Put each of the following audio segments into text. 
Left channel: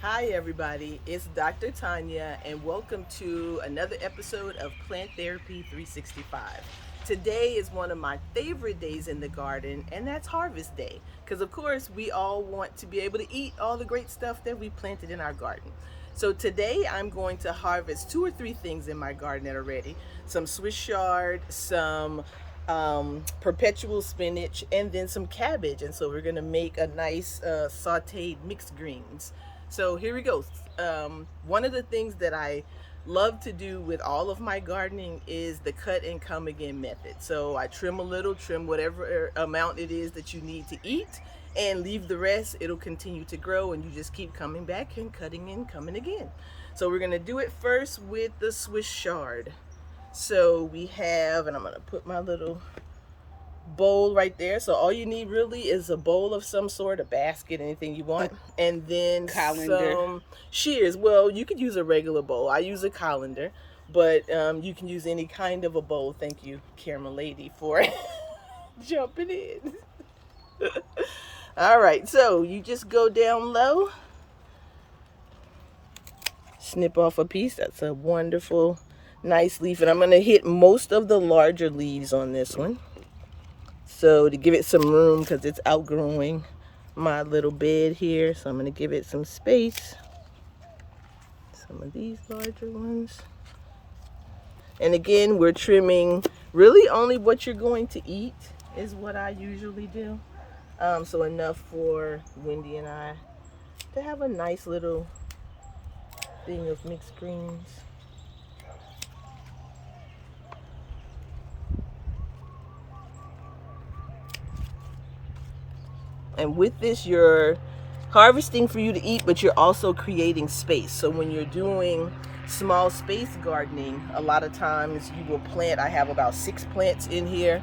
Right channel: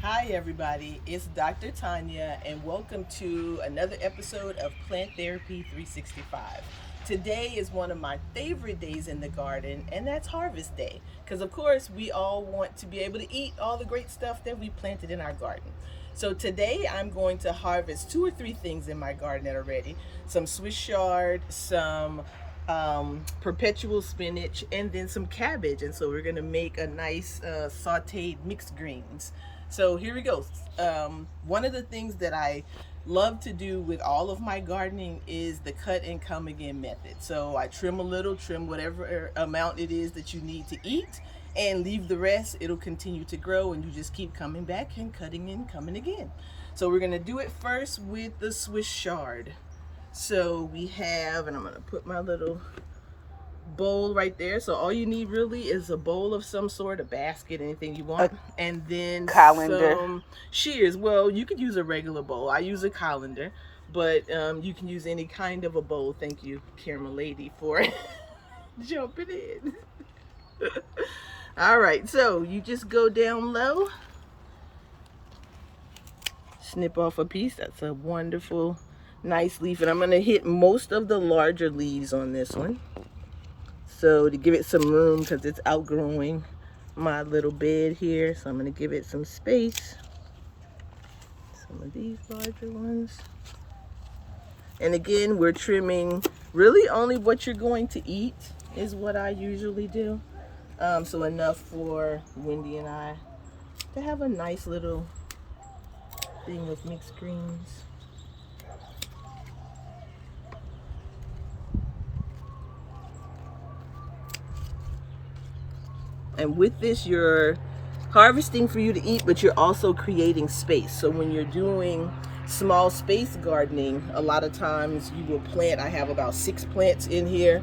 Hi, everybody. It's Dr. Tanya, and welcome to another episode of Plant Therapy 365. Today is one of my favorite days in the garden, and that's Harvest Day. Because, of course, we all want to be able to eat all the great stuff that we planted in our garden. So, today I'm going to harvest two or three things in my garden that are ready: some Swiss chard, some perpetual spinach, and then some cabbage. And so, we're going to make a nice sauteed mixed greens. So here we go. One of the things that I love to do with all of my gardening is the cut and come again method. So I trim a little, trim whatever amount it is that you need to eat, and leave the rest. It'll continue to grow, and you just keep coming back and cutting and coming again. So we're gonna do it first with the Swiss chard. So we have, and I'm gonna put my little bowl right there. So all you need really is a bowl of some sort, a basket, anything you A want, and then colander. some shears. Well, you could use a regular bowl. I use a colander, but you can use any kind of a bowl. Thank you, Caramel Lady, for jumping in. All right, so you just go down low, snip off a piece. That's a wonderful, nice leaf, and I'm going to hit most of the larger leaves on this one. So to give it some room, because it's outgrowing my little bed here, so I'm going to give it some space. Some of these larger ones. And again, we're trimming really only what you're going to eat is what I usually do. So enough for Wendy and I to have a nice little thing of mixed greens. And with this, you're harvesting for you to eat, but you're also creating space. So when you're doing small space gardening, a lot of times you will plant, I have about 6 plants in here.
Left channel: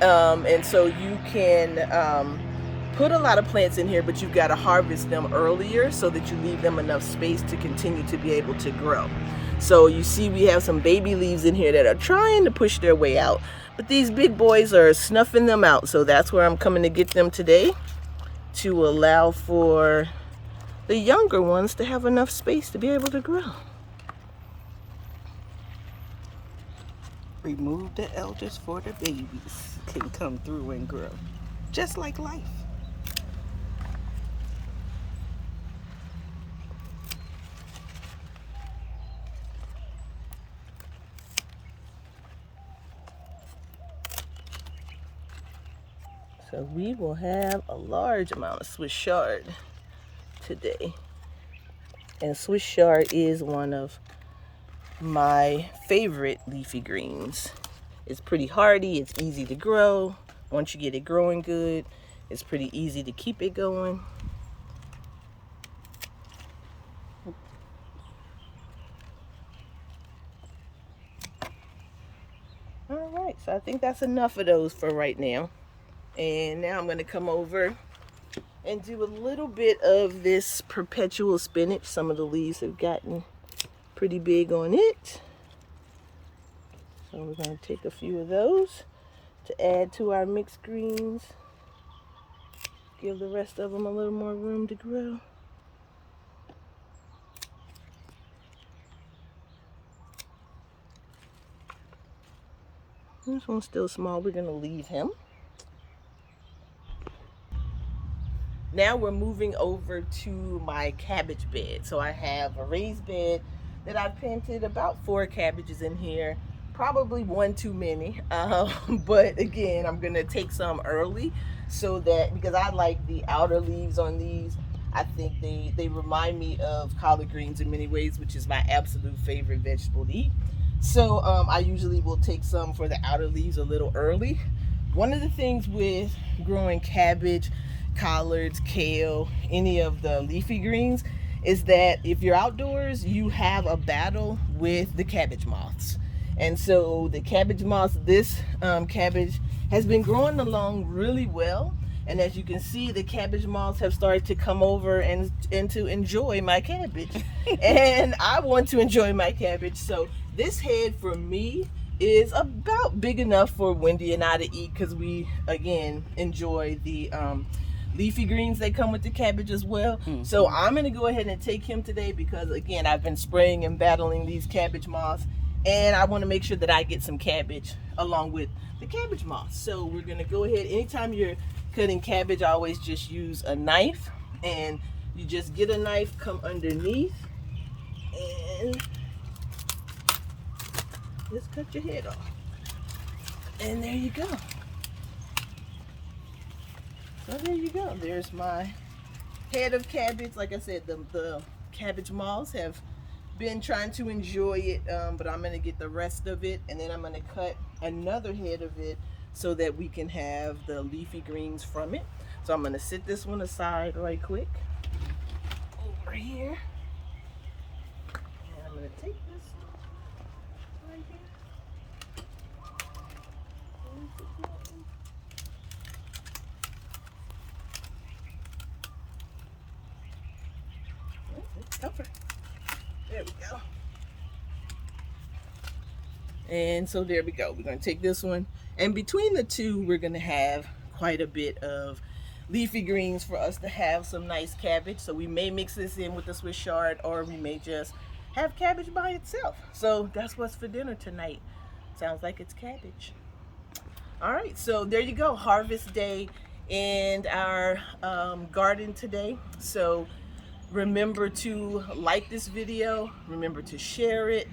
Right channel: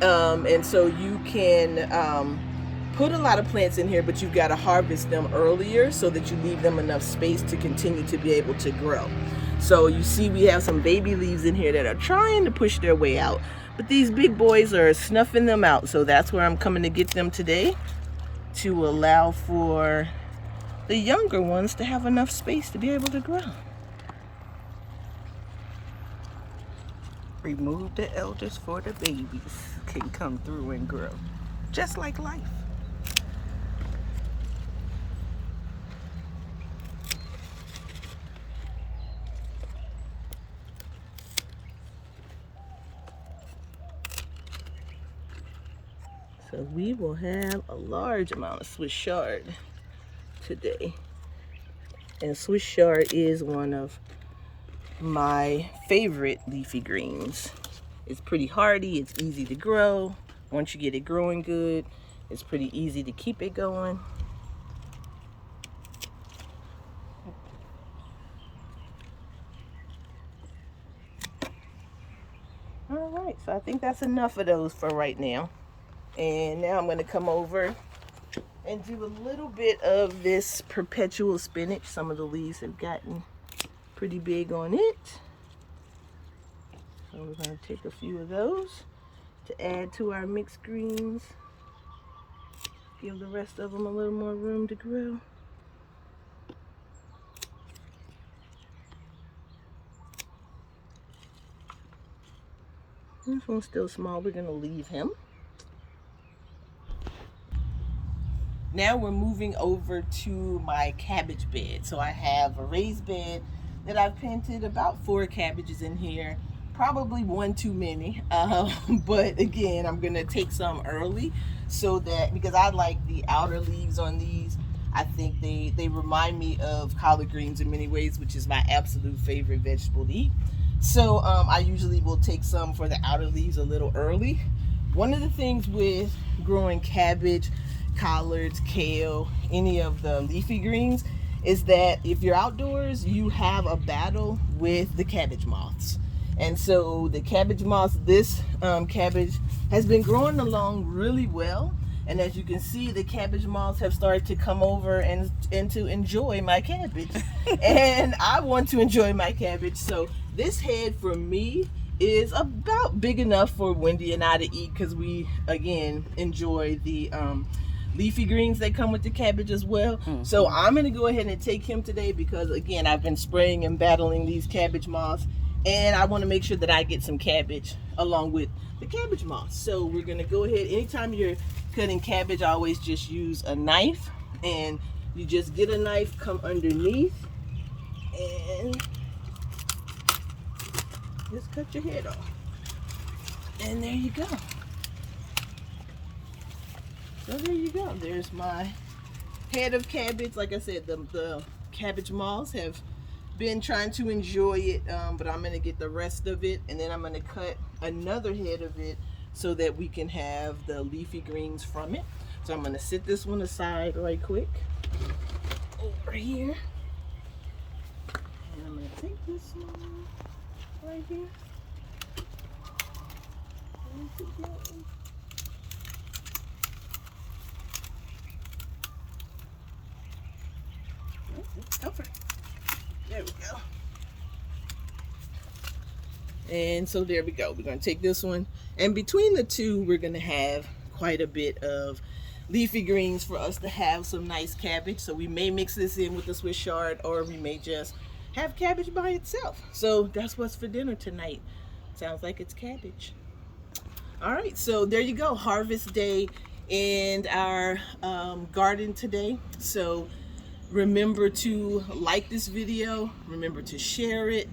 And so you can put a lot of plants in here, but you've got to harvest them earlier so that you leave them enough space to continue to be able to grow. So you see we have some baby leaves in here that are trying to push their way out. But these big boys are snuffing them out, so that's where I'm coming to get them today, to allow for the younger ones to have enough space to be able to grow. Remove the elders for the babies can come through and grow. Just like life. So we will have a large amount of Swiss chard today. And Swiss chard is one of my favorite leafy greens. It's pretty hardy, it's easy to grow. Once you get it growing good, it's pretty easy to keep it going. All right, so I think that's enough of those for right now. And now I'm going to come over and do a little bit of this perpetual spinach. Some of the leaves have gotten pretty big on it. So we're going to take a few of those to add to our mixed greens. Give the rest of them a little more room to grow. This one's still small. We're going to leave him. Now we're moving over to my cabbage bed. So I have a raised bed that I've planted about 4 cabbages in here. Probably one too many. But again, I'm going to take some early so that, because I like the outer leaves on these. I think they remind me of collard greens in many ways, which is my absolute favorite vegetable to eat. So I usually will take some for the outer leaves a little early. One of the things with growing cabbage, collards, kale, any of the leafy greens, is that if you're outdoors, you have a battle with the cabbage moths. And so the cabbage moths, this cabbage has been growing along really well. And as you can see, the cabbage moths have started to come over and to enjoy my cabbage. And I want to enjoy my cabbage. So this head for me is about big enough for Wendy and I to eat, because we, again, enjoy the leafy greens that come with the cabbage as well. So I'm gonna go ahead and take him today because again, I've been spraying and battling these cabbage moths, and I want to make sure that I get some cabbage along with the cabbage moths. So we're gonna go ahead. Anytime you're cutting cabbage, I always just use a knife, and you just get a knife, come underneath, and just cut your head off. And there you go. So there you go. There's my head of cabbage. Like I said, the cabbage moths have been trying to enjoy it, but I'm going to get the rest of it, and then I'm going to cut another head of it so that we can have the leafy greens from it. So I'm going to set this one aside right quick over here. And I'm going to take this one right here. Over. There we go. And so there we go. We're going to take this one, and between the two, we're going to have quite a bit of leafy greens for us to have some nice cabbage. So we may mix this in with the Swiss chard, or we may just have cabbage by itself. So that's what's for dinner tonight. Sounds like it's cabbage. All right, so there you go. Harvest day in our garden today. So remember to like this video, remember to share it,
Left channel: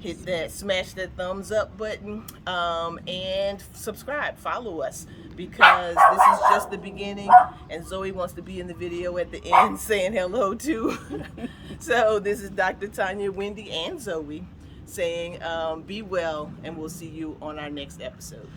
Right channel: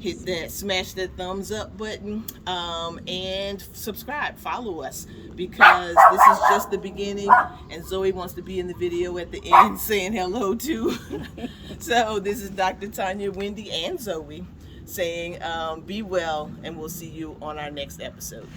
hit that, smash that thumbs up button, and subscribe, follow us, because this is just the beginning, and Zoe wants to be in the video at the end saying hello too. So this is Dr. Tanya, Wendy, and Zoe saying be well, and we'll see you on our next episode.